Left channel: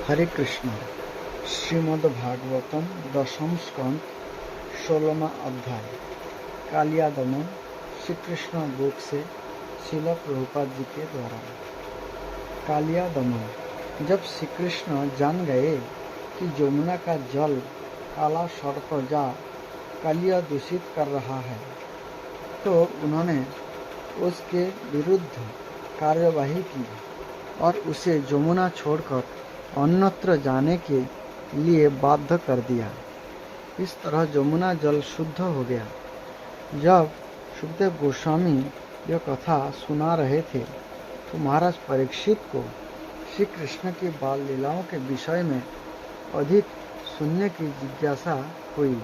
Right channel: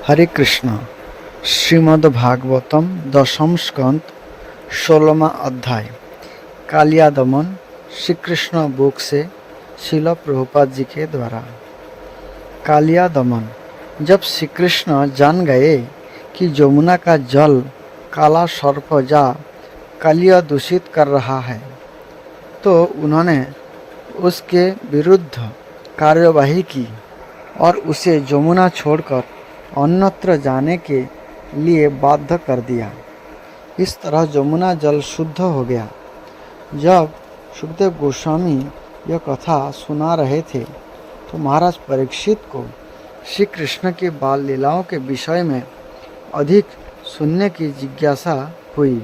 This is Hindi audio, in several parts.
हरे कृष्ण। श्रीमद् भागवतम दशम स्कंद 16वां अध्याय कालिया दमन। श्री कृष्ण बुक से श्रील प्रभुपाद जी के द्वारा। कालिया दमन। जब श्री कृष्ण जान गए कि यमुना का जल काला सर्प जा कालिया दूषित कर रहा है, तो उन्होंने उसके विरुद्ध कार्यवाही की और उसे यमुना छोड़कर अन्यत्र जाने के लिए बाध्य कर दिया। इस तरह यमुना जल शुद्ध हो गया। जब सुखदेव गोस्वामी यह कथा सुना रहे थे, तो महाराज परीक्षित को श्री कृष्ण की बाल लीलाओं के विषय में अधिक सुनने की जिज्ञासा हुई।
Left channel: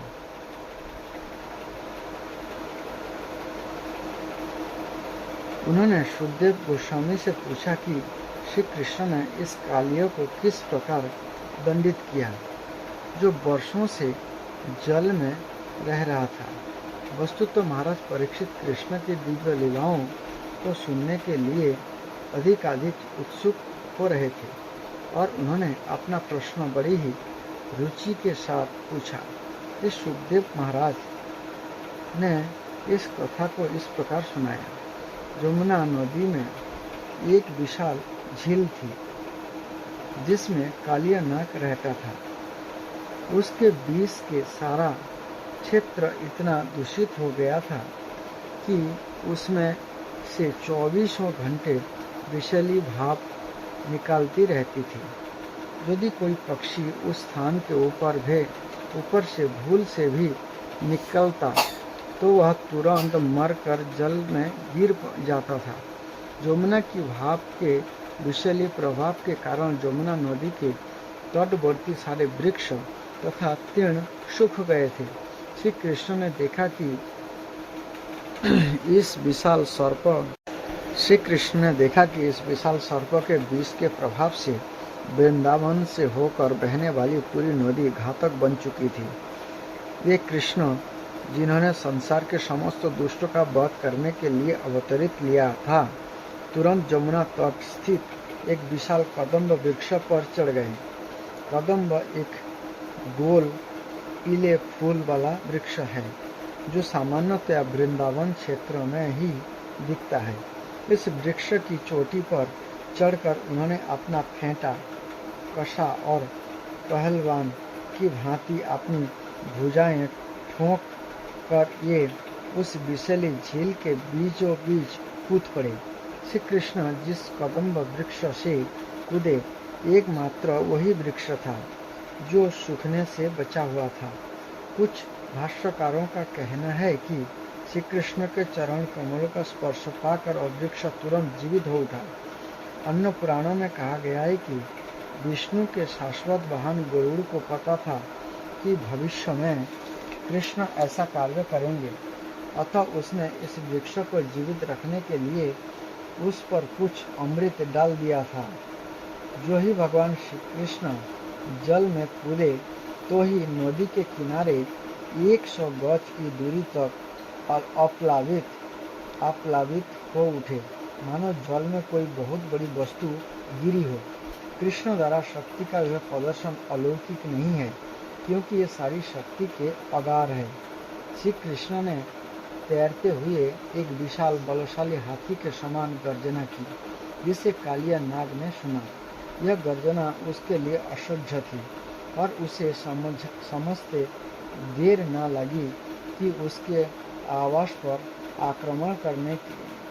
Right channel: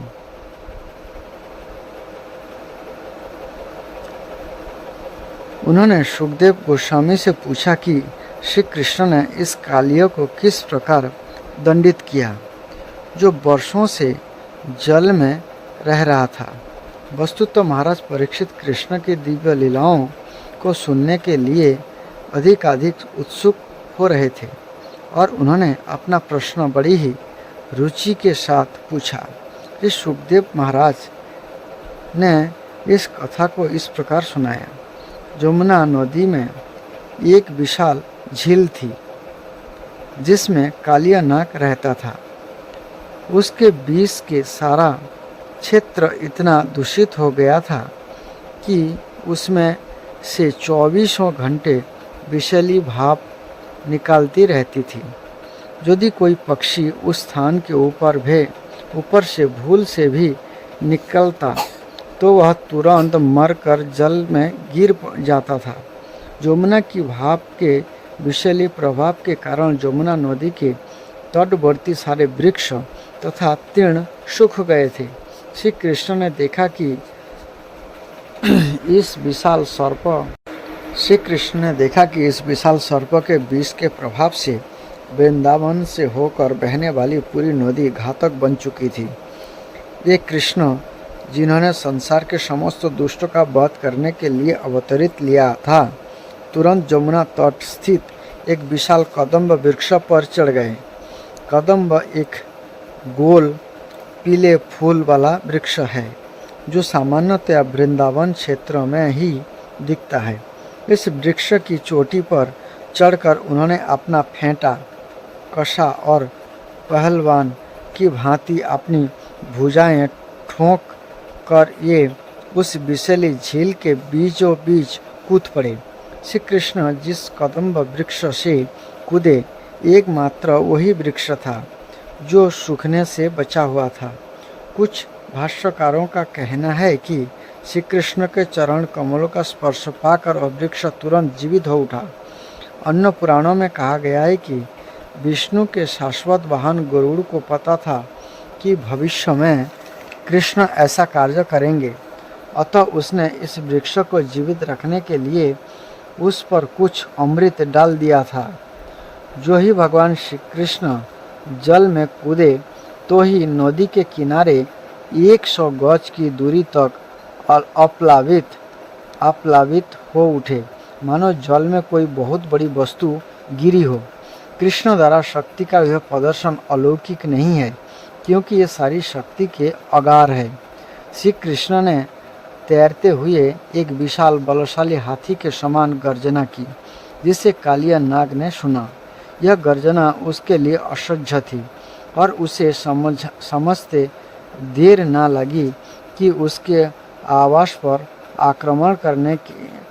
उन्होंने सुखदेव गोस्वामी से पूछा कि श्री कृष्ण ने इस कालिया को किस प्रकार दंडित किया, जो वर्षों से जल में रह रहा था। वस्तुतः महाराज परीक्षित कृष्ण की दिव्य लीलाओं को सुनने के लिए अधिक उत्सुक हो रहे थे और उन्होंने अपना प्रश्न बड़ी ही रुचि के साथ पूछा। इस सुखदेव महाराज ने इस कथा को इस प्रकार सुनाया। यमुना नदी में एक विशाल झील थी, जिसमें कालिया नाग रहता था। उसके बीच के सारा क्षेत्र इतना दूषित हो गया था कि उसमें से 24 घंटे विषैली भाप निकालती रहती थी। यदि कोई पक्षी उस स्थान के ऊपर से भूल से भी निकलता, तो वह तुरंत मरकर जल में गिर जाता था। यमुना की भाप के विषैली प्रभाव के कारण यमुना नदी के तटवर्ती सारे वृक्ष तथा तीर्ण सूख गए थे। श्री कृष्ण ने देखा कि इस विशाल सर्प के विष के प्रभाव से वृंदावन से होकर बहने वाली पूरी नदी घातक बन चुकी थी। ये कृष्ण, जिन्होंने संसार के समस्त दुष्टों का वध करने के लिए अवतरित लिया था, तुरंत यमुना तट स्थित एक विशाल कदम्ब वृक्ष पर चढ़ गए। कदम्ब एक गोल पीले फूल वाला वृक्ष है, जो सामान्यतया वृंदावन क्षेत्र में ही दिखता है। इस वृक्ष की चोटी पर चढ़कर उन्होंने अपना फेंटा कसा और पहलवान की भांति अपनी भुजाएं ठोंक कर ये उस विषैली झील के बीचों बीच कूद पड़े। श्री कृष्ण जिस कदम्ब वृक्ष से कूदे, एकमात्र वही वृक्ष था जो सूखने से बचा हुआ था। कुछ भाष्यकारों का कहना है कि श्री कृष्ण के चरण कमलों का स्पर्श पाकर वह वृक्ष तुरंत जीवित हो उठा। अन्य पुराणों में कहा गया है कि विष्णु के शाश्वत वाहन गरुड़ को पता था कि भविष्य में कृष्ण ऐसा कार्य करेंगे, अतः उसने इस वृक्ष को जीवित रखने के लिए उस पर कुछ अमृत डाल दिया था। जो ही भगवान श्री कृष्ण जल में कूदे, तो ही नदी के किनारे 100 गज की दूरी तक अप्लावित हो उठे, मानो जल में कोई बहुत बड़ी वस्तु गिरी हो। कृष्ण द्वारा शक्ति का यह प्रदर्शन अलौकिक नहीं है, क्योंकि ये सारी शक्ति के अगार है। श्री कृष्ण ने तैरते हुए एक विशाल बलशाली हाथी के समान गर्जना की, जिसे कालिया नाग ने सुना। यह गर्जना उसके लिए असह्य थी और उसे समझते देर न लगी कि उसके आवास पर आक्रमण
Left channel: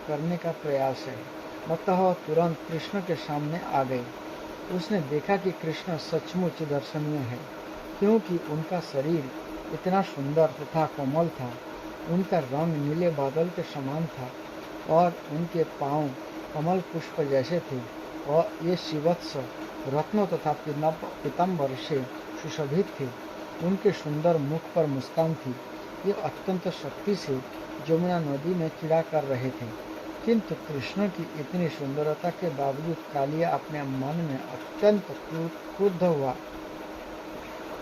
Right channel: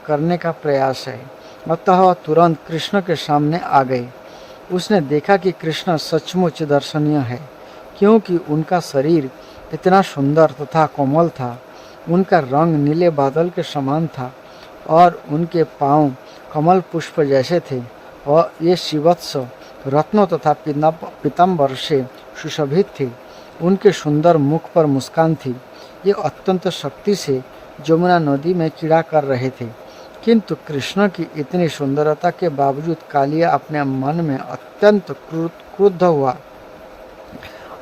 करने का प्रयास है। अतः वह तुरंत कृष्ण के सामने आ गई। उसने देखा कि कृष्ण सचमुच दर्शनीय है, क्योंकि उनका शरीर इतना सुंदर तथा कोमल था। उनका रंग नीले बादल के समान था और उनके पांव कमल पुष्प जैसे थे और ये शिवत्स रत्नों तथा पीताम्बर से सुशोभित थे। उनके सुंदर मुख पर मुस्कान थी। ये अत्यंत शक्ति से यमुना नदी में क्रीड़ा कर रहे थे, किंतु कृष्ण की इतनी सुंदरता के बावजूद कालिया अपने मन में अत्यंत क्रुद्ध हुआ।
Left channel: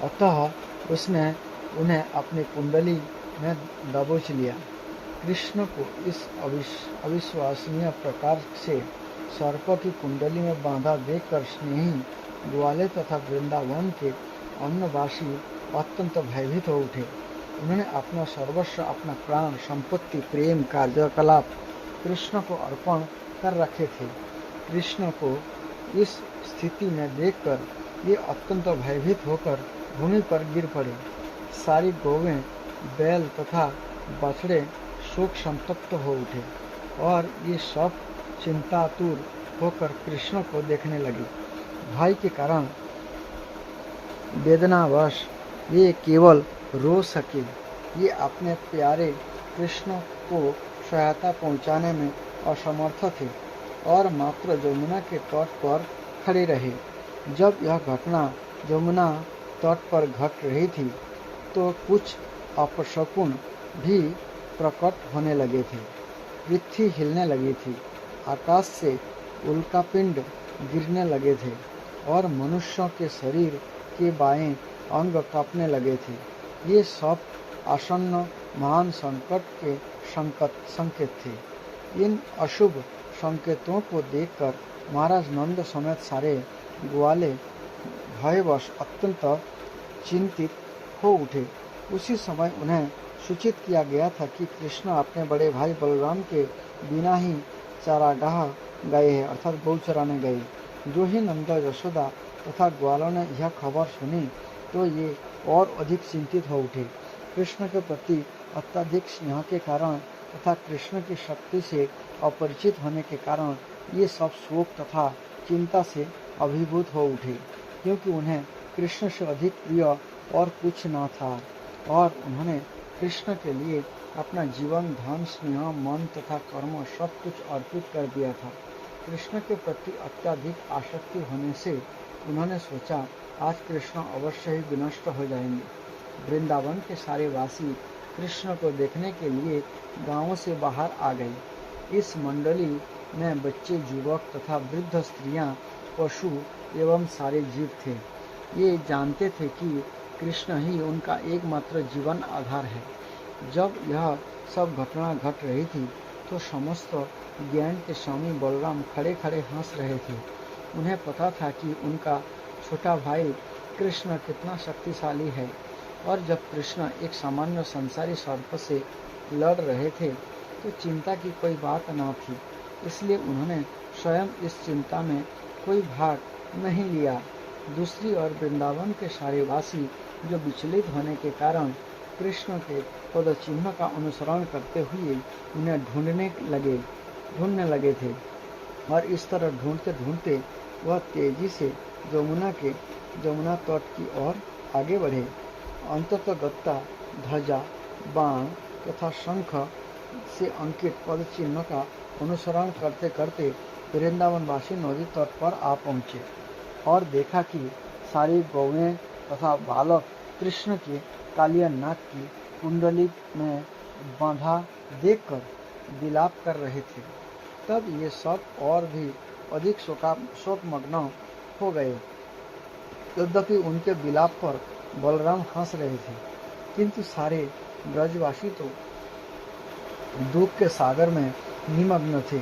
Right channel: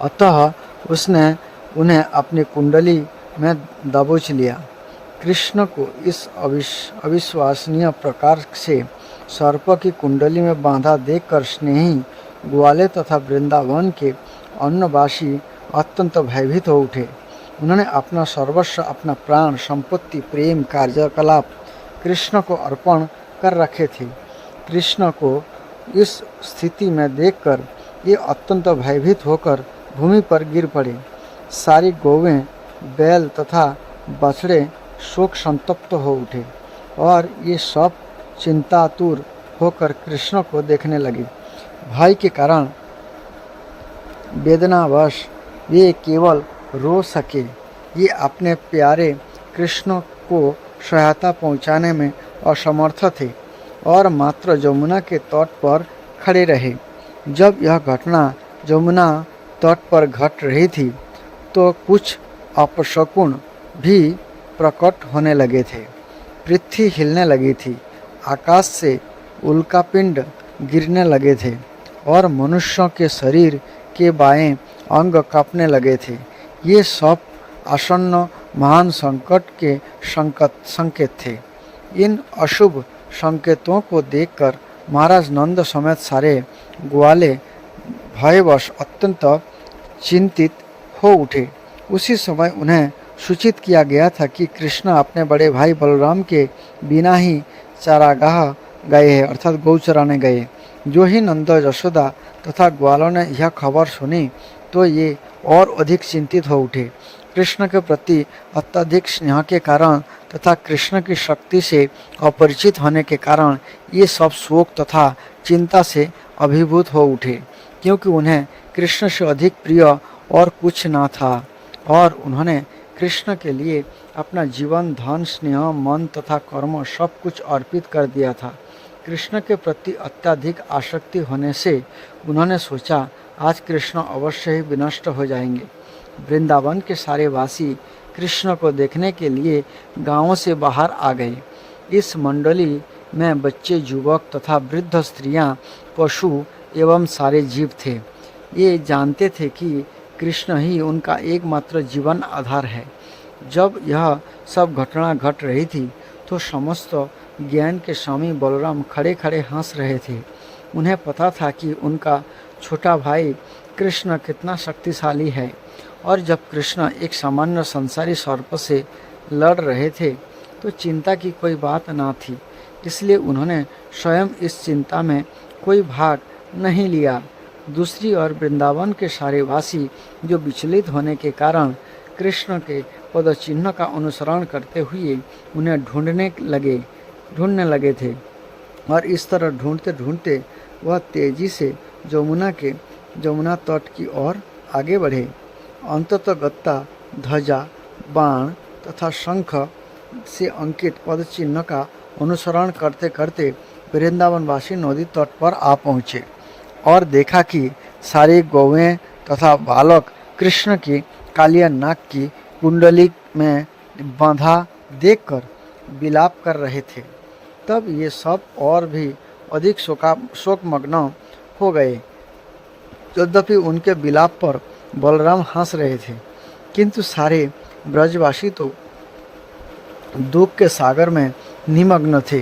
अतः उसने उन्हें अपनी कुंडली में दबोच लिया। कृष्ण को इस अविश्वसनीय प्रकार से सर्प की कुंडली में बांधा देखकर स्नेही ग्वाले तथा वृंदावन के अन्नवासी अत्यंत भयभीत हो उठे। उन्होंने अपना सर्वस्व, अपना प्राण, संपत्ति, प्रेम, कार्यकलाप कृष्ण को अर्पण कर रखे थे। कृष्ण को इस स्थिति में देखकर ये अत्यंत भयभीत होकर भूमि पर गिर पड़े। सारी गौवें, बैल तथा बछड़े शोक संतप्त हो उठे और ये सब चिंतातुर होकर कृष्ण को देखने लगे। भय के कारण वेदनावश वे केवल रो सके। ये अपने प्यारे कृष्ण को सहायता पहुंचाने में असमर्थ थे और मात्र यमुना के तट पर खड़े रहे। जब यह घटना यमुना तट पर घट रही थी तो कुछ अपशकुन भी प्रकट होने लगे थे। पृथ्वी हिलने लगी थी, आकाश से उल्कापिंड गिरने लगे थे और मनुष्यों के शरीर के बाएं अंग कांपने लगे थे। ये सब आसन्न महान संकट के संकेत थे। इन अशुभ संकेतों को देखकर महाराज नंद समेत सारे ग्वाले भयवश अत्यंत चिंतित हो उठे। उसी समय उन्हें सूचित किया गया था कि कृष्ण अपने बड़े भाई बलराम के बिना ही चारागाह गए हैं, अर्थात गौ चराने गए। जो ही नंद, यशोदा तथा ग्वालों ने यह खबर सुनी तो ये और अधिक चिंतित हो उठे। कृष्ण के प्रति अत्यधिक स्नेह के कारण तथा कृष्ण की शक्ति से अपरिचित होने के कारण ये सब शोक तथा चिंता से अभिभूत हो उठे, क्योंकि उन्हें कृष्ण से अधिक प्रिय और कुछ न था और उन्होंने कृष्ण के लिए अपना जीवन, धन, स्नेह, मन तथा कर्म सब कुछ अर्पित कर दिया था। कृष्ण के प्रति अत्यधिक आसक्ति होने से उन्होंने सोचा आज कृष्ण अवश्य ही विनष्ट हो जाएंगे। वृंदावन के सारे वासी कृष्ण को देखने के लिए गांवों से बाहर आ गए। इस मंडली में बच्चे, युवक तथा वृद्ध, स्त्रियां, पशु एवं सारे जीव थे। ये जानते थे कि कृष्ण ही उनका एकमात्र जीवन आधार है। जब यह सब घटना घट रही थी तो समस्त ज्ञान के स्वामी बलराम खड़े खड़े हंस रहे थे। उन्हें पता था कि उनका छोटा भाई कृष्ण कितना शक्तिशाली है और जब कृष्ण एक सामान्य संसारी सर्प से लड़ रहे थे तो चिंता की कोई बात ना थी। इसलिए उन्होंने स्वयं इस चिंता में कोई भाग नहीं लिया। दूसरी ओर वृंदावन के सारे वासी जो विचलित होने के कारण कृष्ण के पदचिन्ह का अनुसरण करते हुए उन्हें ढूंढने लगे थे और इस तरह ढूंढते ढूंढते वह तेजी से यमुना तट की ओर आगे बढ़े। अंततः गत्ता, ध्वजा, बाण तथा शंख से अंकित पद चिन्ह का अनुसरण करते करते वृंदावनवासी नदी तट पर आ पहुँचे और देखा कि सारी गौवें तथा बालक कृष्ण की कालिया नाग की कुंडली में बांधा देखकर विलाप कर रहे थे। तब ये सब और भी अधिक शोकमग्न हो गए। यद्यपि उनके विलाप पर बलराम हंस रहे थे, किंतु सारे ब्रजवासी तो दुख के सागर में निमग्न थे,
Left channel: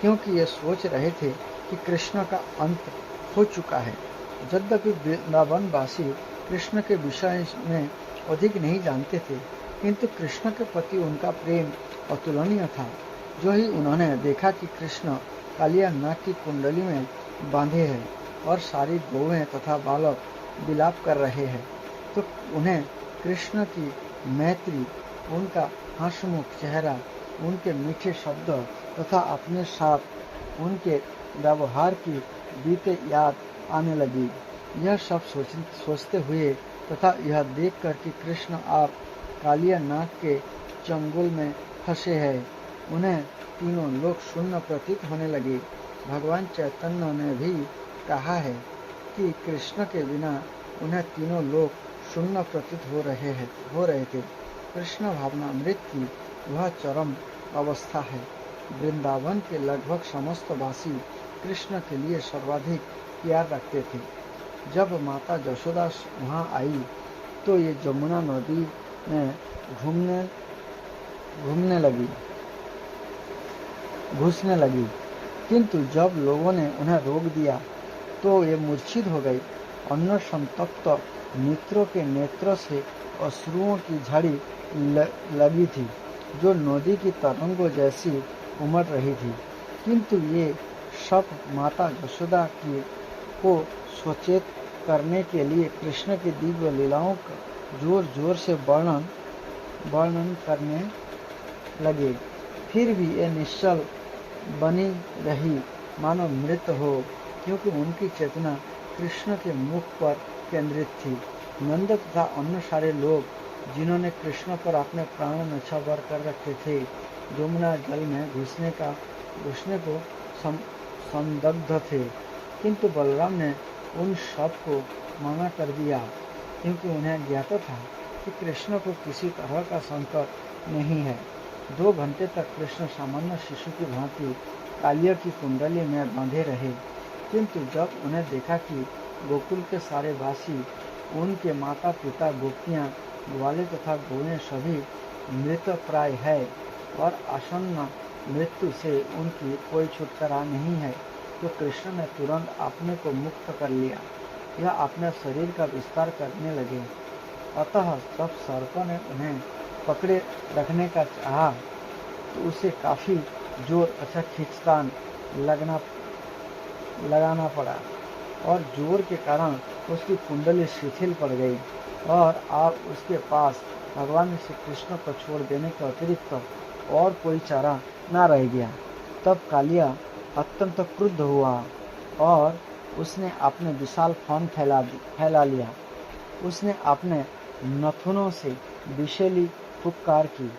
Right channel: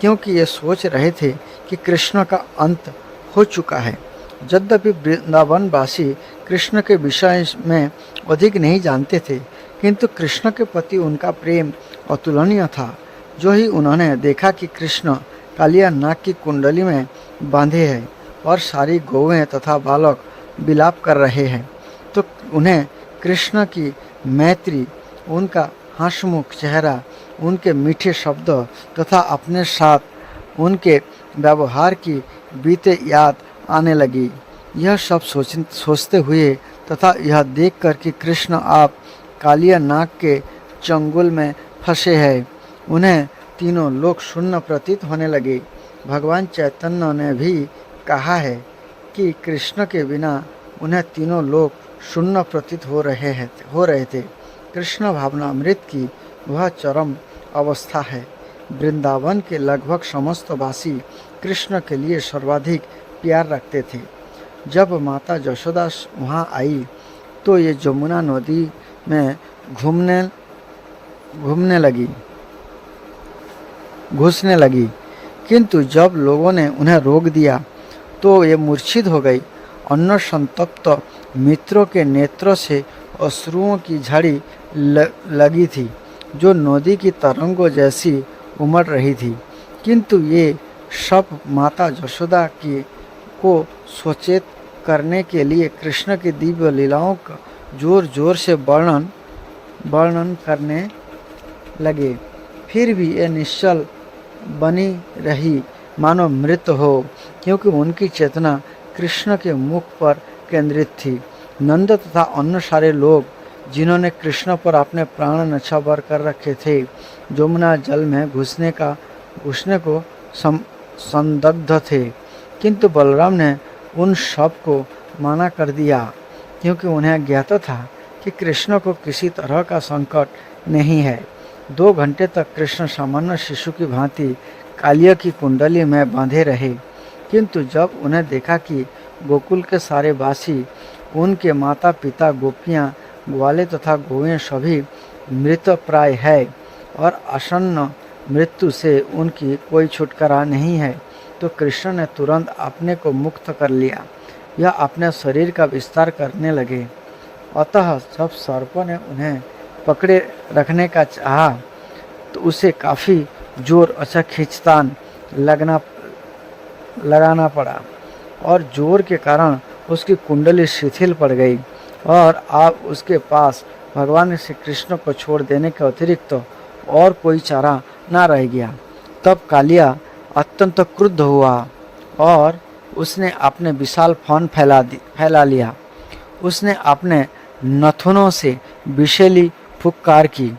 क्योंकि ये सोच रहे थे कि कृष्ण का अंत हो चुका है। यद्यपि वृंदावनवासी कृष्ण के विषय में अधिक नहीं जानते थे, किंतु कृष्ण के प्रति उनका प्रेम अतुलनीय था। जो ही उन्होंने देखा कि कृष्ण कालिया नाग की कुंडली में बांधे हैं और सारी गौवें तथा बालक विलाप कर रहे हैं, तो उन्हें कृष्ण की मैत्री, उनका हंसमुख चेहरा, उनके मीठे शब्द तथा अपने साथ उनके व्यवहार की बीते याद आने लगी। यह सब सोचते हुए तथा यह देखकर कि कृष्ण आप कालिया नाग के चंगुल में फंसे हैं, उन्हें तीनों लोक शून्य प्रतीत होने लगे। भगवान चैतन्य ने भी कहा है कि कृष्ण के बिना उन्हें तीनों लोक शून्य प्रतीत हो रहे थे। कृष्ण भावनामृत की वह चरम अवस्था है। वृंदावन के लगभग समस्त वासी कृष्ण के लिए सर्वाधिक प्यार रखते थे। जब माता यशोदा वहाँ आई तो ये यमुना नदी में घुसने लगी, किंतु जब लोगों ने उन्हें रोक दिया तो ये मूर्छित हो गई। अन्न संतप्त मित्रों के नेत्रों से अश्रुओं की झड़ी लगी थी, जो नदी की तरंगों जैसी उमड़ रही थी। किंतु ये सब माता यशोदा की को सचेत करने के लिए कृष्ण की दिव्य लीलाओं का जोर जोर से वर्णन करने लगे। फिर भी ये निश्चल बनी रही, मानो मृत हो, क्योंकि उनकी चेतना कृष्ण के मुख पर केंद्रित थी। नंद तथा अन्य सारे लोग, जिन्होंने कृष्ण पर अपने प्राण न्यौछावर कर रखे थे, यमुना जल में घुसने को संदिग्ध थे। किंतु बलराम ने उन सब को मना कर दिया, क्योंकि उन्हें ज्ञात था कि कृष्ण को किसी तरह का संकट नहीं है। 2 घंटे तक कृष्ण सामान्य शिशु की भांति कालिया की कुंडली में बांधे रहे। किंतु जब उन्हें देखा कि गोकुल के सारे वासी, उनके माता पिता, गोपियाँ, ग्वाले तथा गौएं सभी मृत प्राय है और आसन्न मृत्यु से उनकी कोई छुटकारा नहीं है, तो कृष्ण ने तुरंत अपने को मुक्त कर लिया। यह अपने शरीर का विस्तार करने लगे। अतः जब सर्पों ने उन्हें पकड़े रखने का चाहा, तो उसे काफ़ी जोर अच्छा खींचतान लगाना पड़ा, और जोर के कारण उसकी कुंडली शिथिल पड़ गई, और अब उसके पास भगवान श्री कृष्ण को छोड़ देने के अतिरिक्त और कोई चारा न रह गया। तब कालिया अत्यंत क्रुद्ध हुआ और उसने अपने विशाल फन फैला लिया। उसने अपने नथुनों से विषैली फुक्कार की।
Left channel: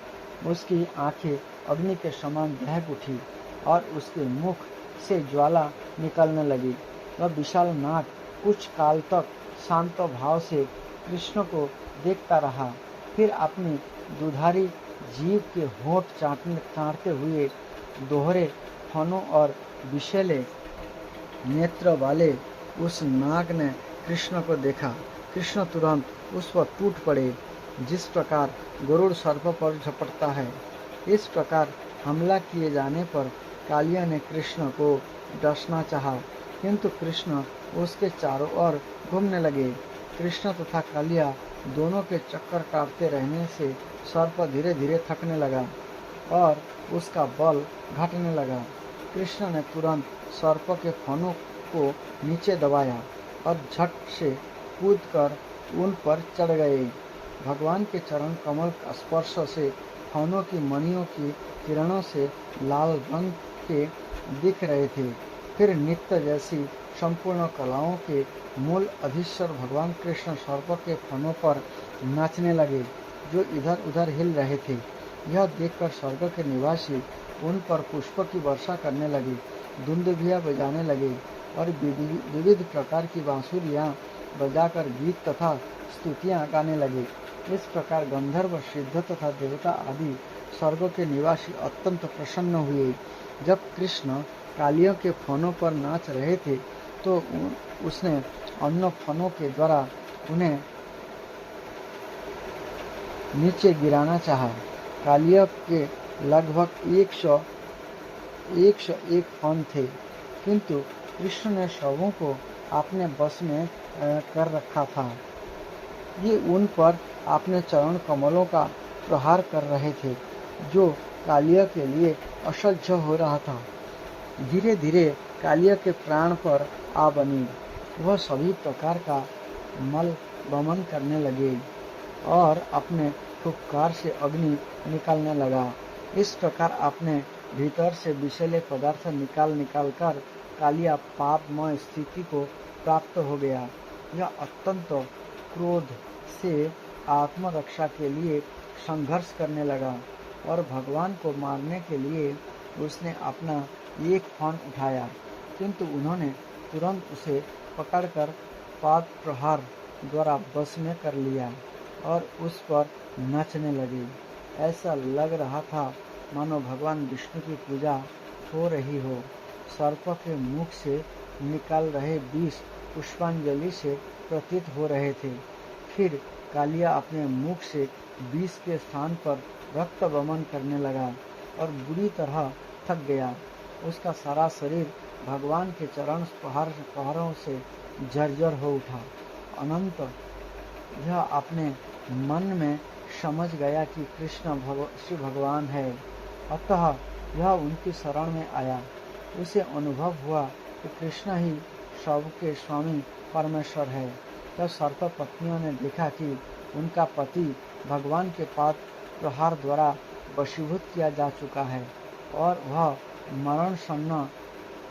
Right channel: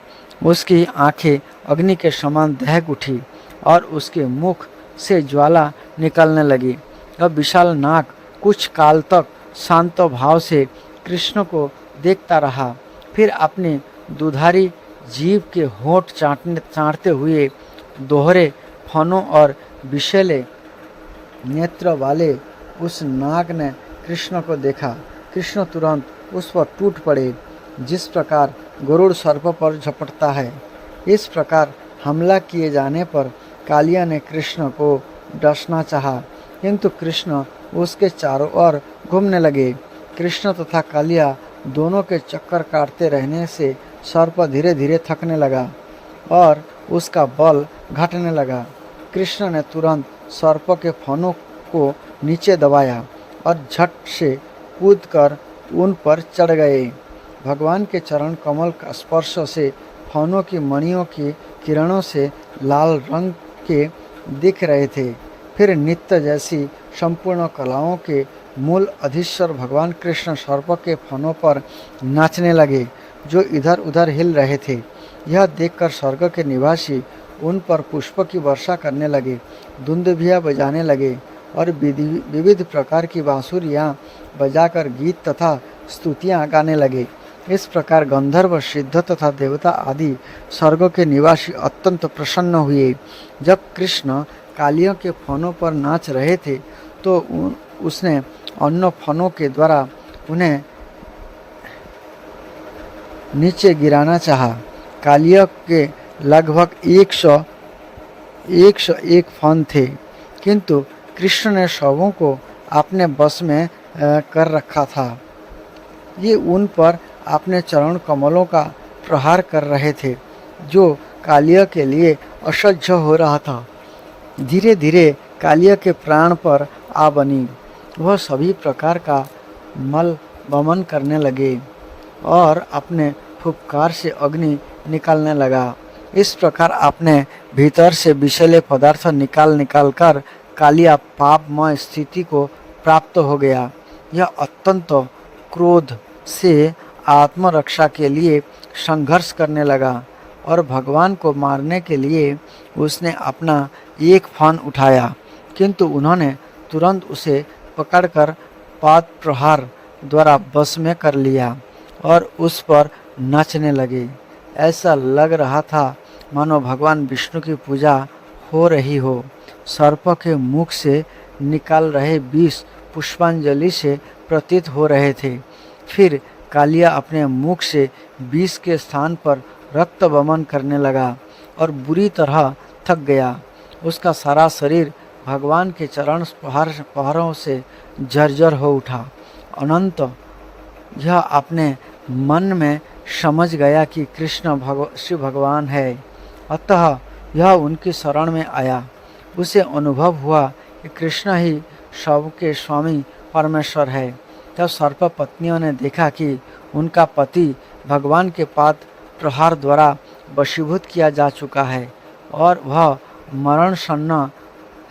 उसकी आंखें अग्नि के समान दहक उठी और उसके मुख से ज्वाला निकलने लगी। अब विशाल नाग कुछ काल तक शांत भाव से कृष्ण को देखता रहा, फिर अपनी दुधारी जीभ के होंठ चाटते हुए दोहरे फनों और विषैले नेत्र वाले उस नाग ने कृष्ण को देखा। कृष्ण तुरंत उस पर टूट पड़े, जिस प्रकार गरुड़ सर्प पर झपटता है। इस प्रकार हमला किए जाने पर कालिया ने कृष्ण को डसना चाहा, किंतु कृष्ण उसके चारों ओर घूमने लगे। कृष्ण तथा कालिया दोनों के चक्कर काटते रहने से सर्प धीरे धीरे थकने लगा और उसका बल घटने लगा। कृष्ण ने तुरंत सर्प के फनों को नीचे दबाया और झट से कूदकर उन पर चढ़ गए। भगवान के चरण कमल का स्पर्श से फनों की मणियों की किरणों से लाल रंग के दिख रहे थे। फिर नित्य जैसी संपूर्ण कलाओं के मूल अधीश्वर भगवान कृष्ण सर्प के फनों पर नाचने लगे, जो इधर उधर हिल रहे थे। यह देखकर स्वर्ग के निवासी उन पर पुष्प की वर्षा करने लगे, दुंदुभियाँ बजाने लगे और विविध प्रकार की बांसुरियाँ बजाकर गीत तथा स्तुतियाँ गाने लगे। इस प्रकार गंधर्व, सिद्ध तथा देवता आदि स्वर्ग के निवासी अत्यंत प्रसन्न हुए। जब कृष्ण कालियों के फनों पर नाच रहे थे, तो उसने अन्य फनों के द्वारा उन्हें नीचे गिराना चाहा। कालिया के लगभग 101 फन थे, किंतु कृष्ण ने सबों को अपने बस में कर रखा था। ये उन पर अपने चरण कमलों का प्रहार कर रहे थे, जो कालिया के लिए असह्य हो रहा था। धीरे धीरे कालिया के प्राण पर आ बनी। वह सभी प्रकार का मल वमन करने लगे और अपने फुफकार से अग्नि निकालने लगा। इस प्रकार अपने भीतर से विषैले पदार्थ निकाल कर कालिया पापमय स्थिति को प्राप्त हो गया। यह अत्यंत क्रोध से आत्मरक्षा के लिए संघर्ष करने लगा और भगवान को मारने के लिए उसने अपना एक फन उठाया, किंतु उन्होंने तुरंत उसे पकड़कर पाद प्रहार द्वारा बस में कर लिया और उस पर नाचने लगे। ऐसा लग रहा था मानो भगवान विष्णु की पूजा हो रही हो। सर्प के मुख से निकाल रहे विष पुष्पांजलि से प्रतीत हो रहे थे। फिर कालिया अपने मुख से विष के स्थान पर रक्त वमन करने लगा और बुरी तरह थक गया। उसका सारा शरीर भगवान के चरण पहाड़ों से जर्जर हो उठा। अनंत यह अपने मन में समझ गया कि कृष्ण श्री भगवान है, अतः यह उनकी शरण में आया। उसे अनुभव हुआ कि कृष्ण ही सबके स्वामी परमेश्वर है। तब सर्प पत्नियों ने देखा कि उनका पति भगवान के पाद प्रहार द्वारा वशीभूत किया जा चुका है और वह मरणशन्न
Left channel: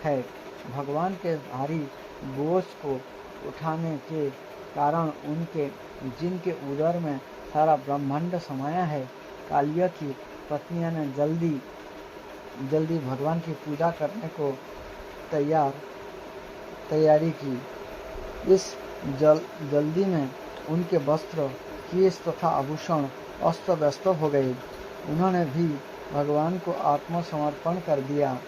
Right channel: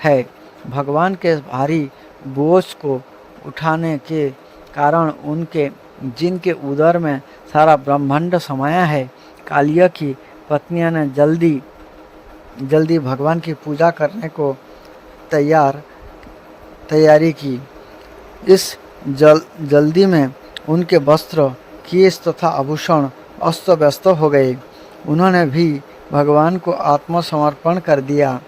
है। भगवान के भारी बोझ को उठाने के कारण उनके जिनके उदर में सारा ब्रह्मांड समाया है, कालिया की पत्नियां ने जल्दी भगवान की पूजा करने को तैयारी की। इस जल्दी में उनके वस्त्र, केश तथा आभूषण अस्त व्यस्त हो गए। उन्होंने भी भगवान को आत्मसमर्पण कर दिया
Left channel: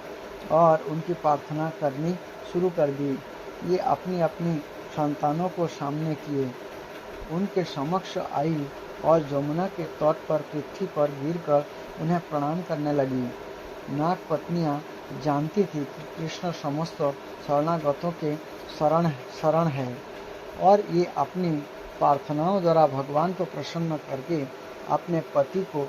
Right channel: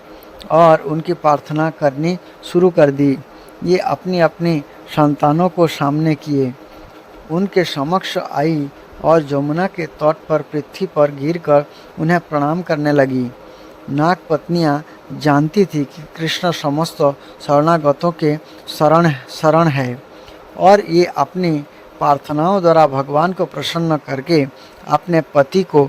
और उनकी प्रार्थना करनी शुरू कर दी। ये अपनी अपनी संतानों को सामने किए, उनके समक्ष आई और जमुना के तट पर पृथ्वी पर गिरकर उन्हें प्रणाम करने लगी। नाग पत्नियां जानती थी कि कृष्ण समस्त शरणागतों के शरण है और ये अपनी प्रार्थनाओं द्वारा भगवान को प्रसन्न करके अपने पति को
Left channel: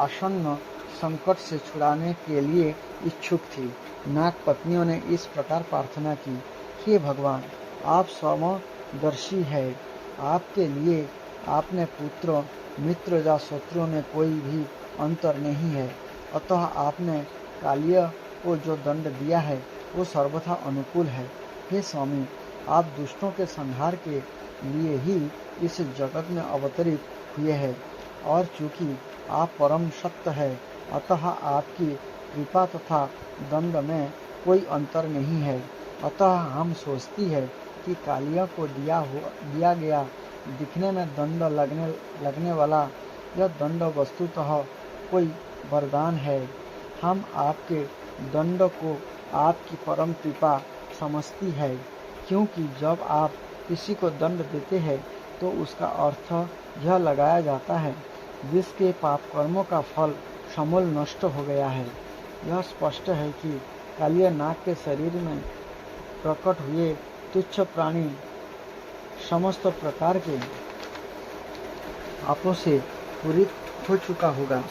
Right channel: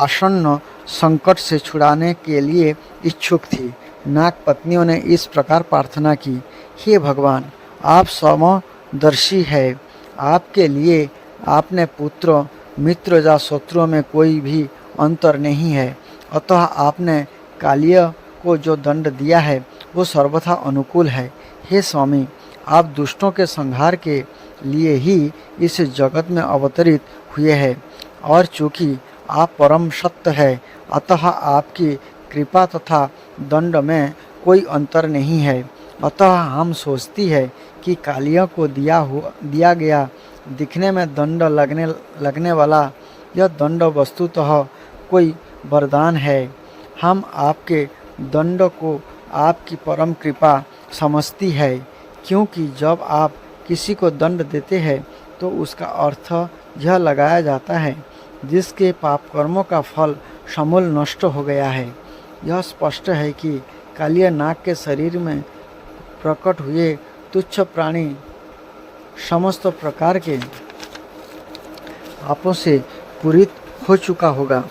आसन्न संकट से छुड़ाने के लिए इच्छुक थी। नाग पत्नियों ने इस प्रकार प्रार्थना की, हे भगवान, आप समदर्शी है, आपके लिए आपने पुत्र, मित्र या शत्रुओं में कोई भी अंतर नहीं है, अतः आपने कालिया को जो दंड दिया है वो सर्वथा अनुकूल है। हे स्वामी, आप दुष्टों के संहार के लिए ही इस जगत में अवतरित हुए हैं और चूँकि आप परम सत्य है, अतः आपकी कृपा तथा दंड में कोई अंतर नहीं है। अतः हम सोचती है कि कालिया को दिया गया दिखने में दंड लगने वाला यह दंड वस्तुतः कोई वरदान है। हम आपके दंड को आपकी परम कृपा समझती है, क्योंकि जब आप किसी को दंड देते हैं तो उसका अर्थ यह लगाया जाता है जिसके पाप कर्मों का फल समूल नष्ट हो गया है। यह स्पष्ट है कि कालिया नाग के शरीर में प्रकट हुए तुच्छ प्राणी समस्त प्रकार के पापों से पूरित हो चुका होगा,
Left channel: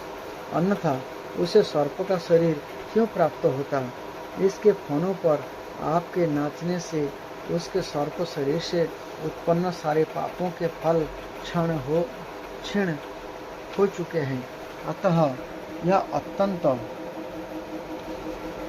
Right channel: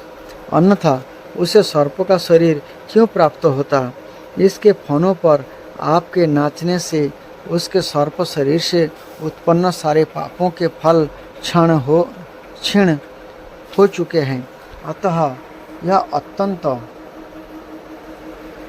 अन्यथा उसे सर्प का शरीर क्यों प्राप्त होता। इसके फनों पर आपके नाचने से उसके सर्प शरीर से उत्पन्न सारे पापों के फल क्षीण हो चुके हैं। अतः यह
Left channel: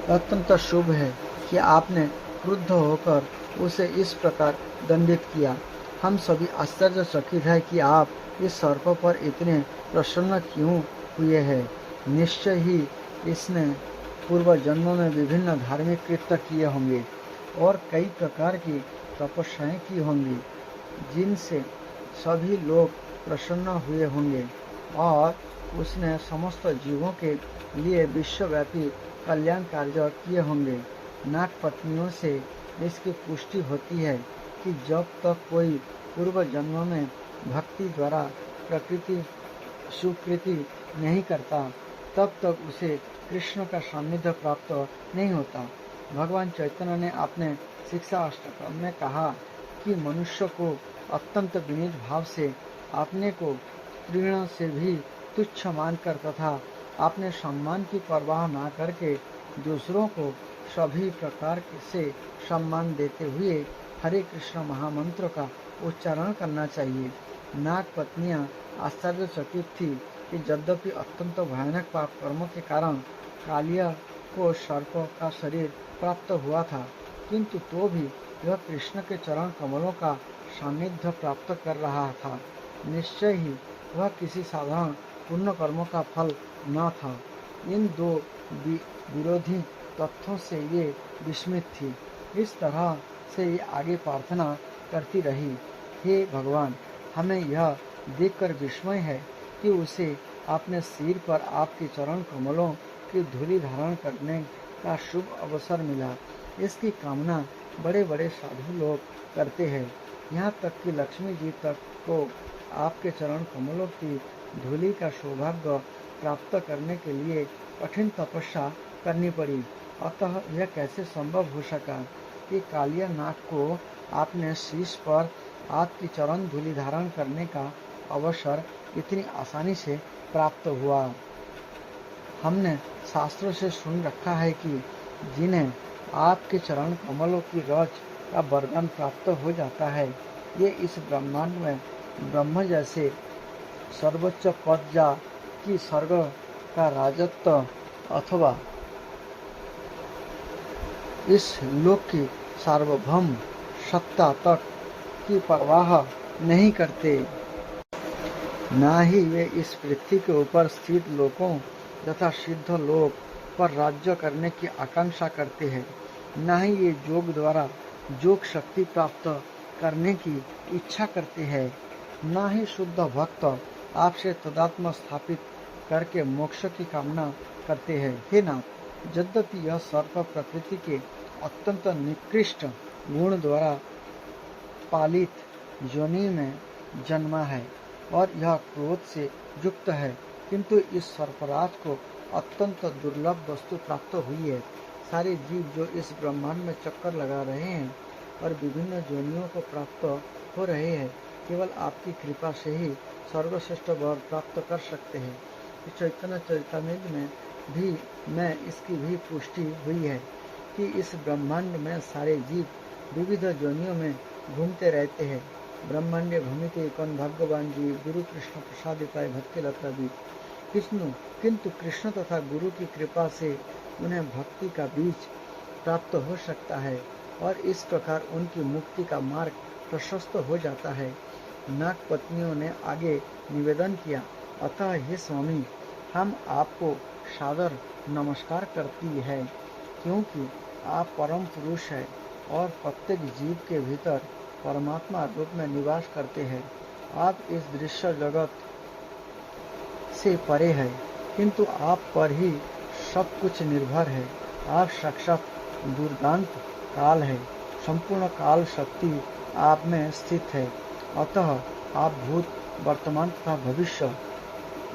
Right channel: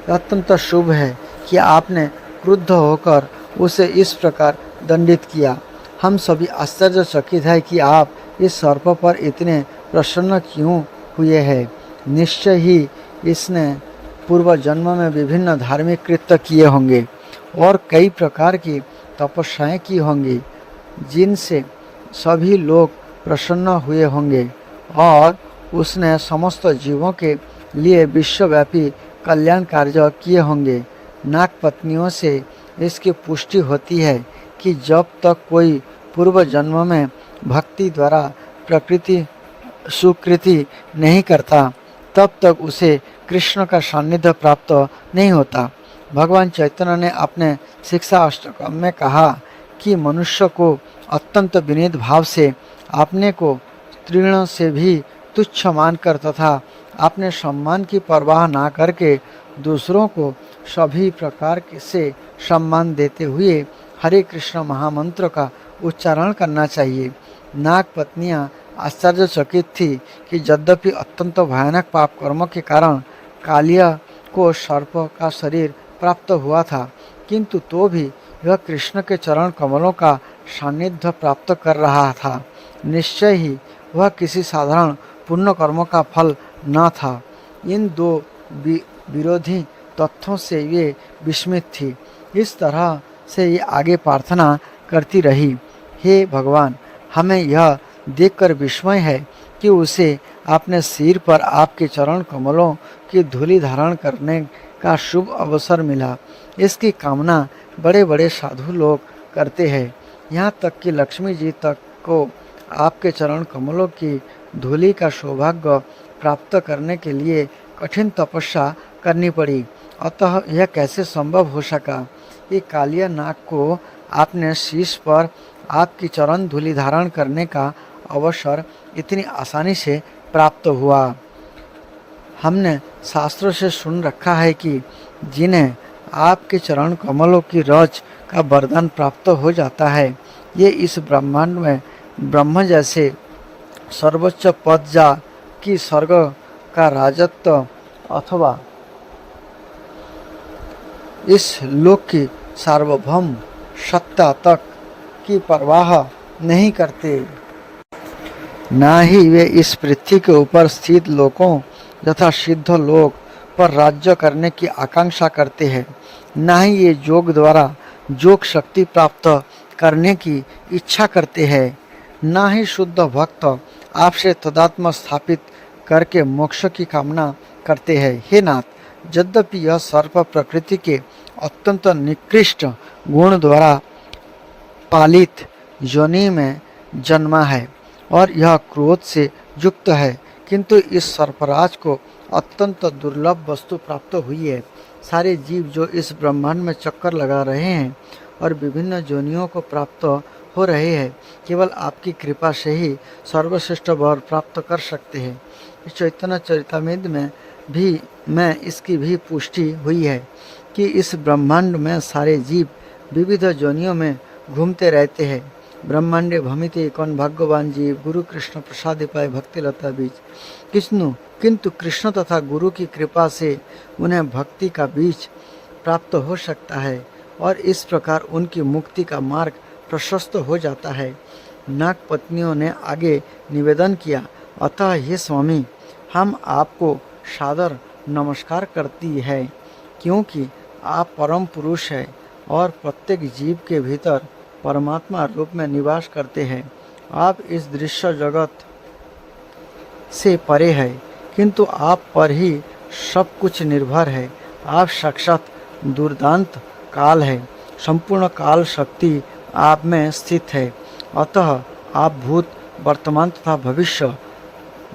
अत्यंत शुभ है कि आपने क्रुद्ध होकर उसे इस प्रकार दंडित किया। हम सभी आश्चर्यचकित है कि आप इस सर्प पर इतने प्रसन्न क्यों हुए हैं। निश्चय ही इसने पूर्व जन्म में विभिन्न धार्मिक कृत्य किए होंगे और कई प्रकार की तपस्याएं की होंगी, जिनसे सभी लोग प्रसन्न हुए होंगे और उसने समस्त जीवों के लिए विश्वव्यापी कल्याण कार्य किए होंगे। नाग पत्नियों से इसकी पुष्टि होती है कि जब तक कोई पूर्व जन्म में भक्ति द्वारा प्रकृति सुकृति नहीं करता, तब तक उसे कृष्ण का सान्निध्य प्राप्त नहीं होता। भगवान चैतन्य ने अपने शिक्षा अष्टकम में कहा कि मनुष्य को अत्यंत विनीत भाव से अपने को तृण से भी तुच्छ मानकर तथा अपने सम्मान की परवाह ना करके दूसरों को सभी प्रकार से सम्मान देते हुए हरे कृष्ण महामंत्र का उच्चारण करना चाहिए। नाग पत्नियां आश्चर्यचकित थी कि यद्यपि अत्यंत भयानक पाप कर्मों के कारण कालिया को सर्प का शरीर प्राप्त हुआ था, किंतु तो भी वह कृष्ण के चरण कमलों का सान्निध्य प्राप्त कर रहा था। निश्चय ही वह किसी साधारण पुण्य कर्मों का फल न था। इन दो विरोधी तथ्यों से ये विस्मित थी। इस तरह से ये आगे प्रार्थना करती रही, हे भगवान, हमें यह देखकर विस्मय है कि उसे अपने सिर पर आपके चरण कमलों की धूलि धारण करने का शुभ अवसर मिला। इसकी कामना बड़े बड़े साधु लोग करते हैं। यहाँ तक कि लक्ष्मी जी तक को आपके चरण कमलों की धूलि का सौभाग्य प्राप्त करने के लिए कठिन तपस्या करनी पड़ी। अतः यह कैसे संभव हो सका? ये कालिया नाग को आपने शीश पर आपकी चरण धूलि धारण करने का अवसर इतनी आसानी से प्राप्त हुआ। हमने शास्त्रों से सुन रखा है कि जिन्हें आपके चरण कमलों की रज का वरदान प्राप्त हो जाता है, ये इस ब्रह्मांड में ब्रह्म जैसे सर्वोच्च पद जा कि स्वर्ग का राजत्व अथवा इस लोक की सार्वभौम सत्ता तक की परवाह नहीं करते। ना ही वे इस पृथ्वी के ऊपर स्थित लोकों तथा सिद्ध लोक पर राज्य करने की आकांक्षा करते हैं, ना ही ये योग द्वारा योग शक्ति प्राप्त करने की इच्छा करते हैं, ना ही शुद्ध भक्त आपसे तदात्म स्थापित करके मोक्ष की कामना करते हैं। हे नाथ, यद्यपि यह सर्प प्रकृति के अत्यंत निकृष्ट गुण द्वारा पालित योनि में जन्मा है और यह क्रोध से युक्त है, किंतु इस सर्पराज को अत्यंत दुर्लभ वस्तु प्राप्त हुई है। सारे जीव जो इस ब्रह्मांड में चक्कर लगा रहे हैं और विभिन्न योनियों को प्राप्त हो रहे हैं, केवल आपकी कृपा से ही सर्वश्रेष्ठ वर प्राप्त कर सकते हैं। इस चैतन्य चरितामृत में इसकी भी पुष्टि हुई है कि इस ब्रह्मांड में सारे जीव विविध योनियों में घूमते रहते हैं। ब्रह्मांडे भ्रमिते कौन भाग्यवान जीव, गुरु कृष्ण प्रसाद पाए भक्ति लता बीज। किंतु कृष्ण तथा गुरु की कृपा से उन्हें भक्ति का बीज प्राप्त हो सकता है और इस प्रकार उनकी मुक्ति का मार्ग प्रशस्त हो जाता है। नाग पत्नियों ने आगे निवेदन किया, अतः हे स्वामी, हम आपको सादर नमस्कार करती है, क्योंकि आप परम पुरुष हैं और प्रत्येक जीव के भीतर परमात्मा रूप में निवास करते हैं। आप इस दृश्य जगत से परे है, किंतु आप पर ही सब कुछ निर्भर है। आप साक्षात दुर्दांत काल है, संपूर्ण काल शक्ति आप में स्थित है। अतः आप भूत, वर्तमान तथा भविष्य,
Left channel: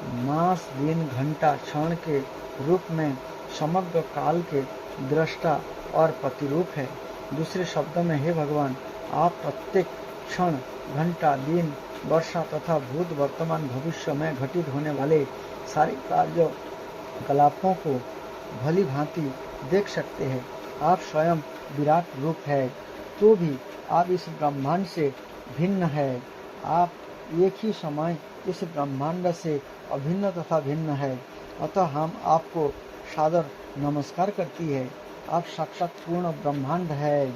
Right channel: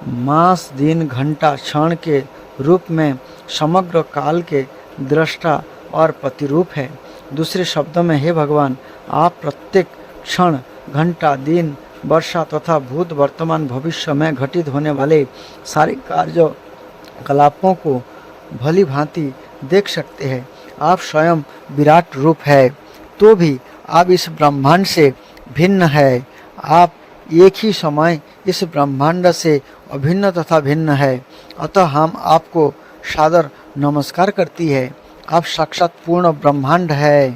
मास, दिन, घंटा, क्षण के रूप में समग्र काल के दृष्टा और प्रतिरूप है। दूसरे शब्दों में, हे भगवान, आप प्रत्येक क्षण, घंटा, दिन, वर्षा तथा भूत, वर्तमान, भविष्य में घटित होने वाले सारे कार्यकलापों को भली भांति देख सकते हैं। आप स्वयं विराट रूप है, तो भी आप इस ब्रह्मांड से भिन्न है। आप एक ही समय इस ब्रह्मांड से अभिन्न तथा भिन्न है। अतः हम आपको सादर नमस्कार करती है। आप साक्षात पूर्ण ब्रह्मांड है,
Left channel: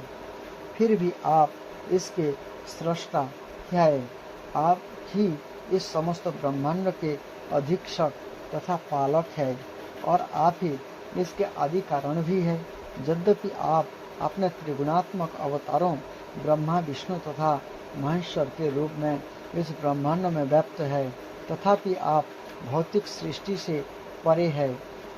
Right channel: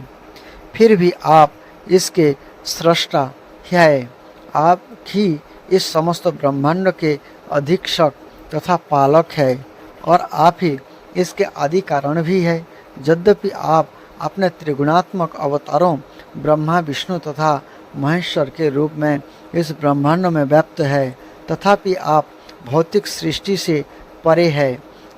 फिर भी आप इसके सृष्टा है। आप ही इस समस्त ब्रह्मांड के अधीक्षक तथा पालक है और आप ही इसके आदि कारण भी है। यद्यपि आप अपने त्रिगुणात्मक अवतारों ब्रह्मा, विष्णु तथा महेश्वर के रूप में इस ब्रह्मांड में व्याप्त है, तथापि आप भौतिक सृष्टि से परे है।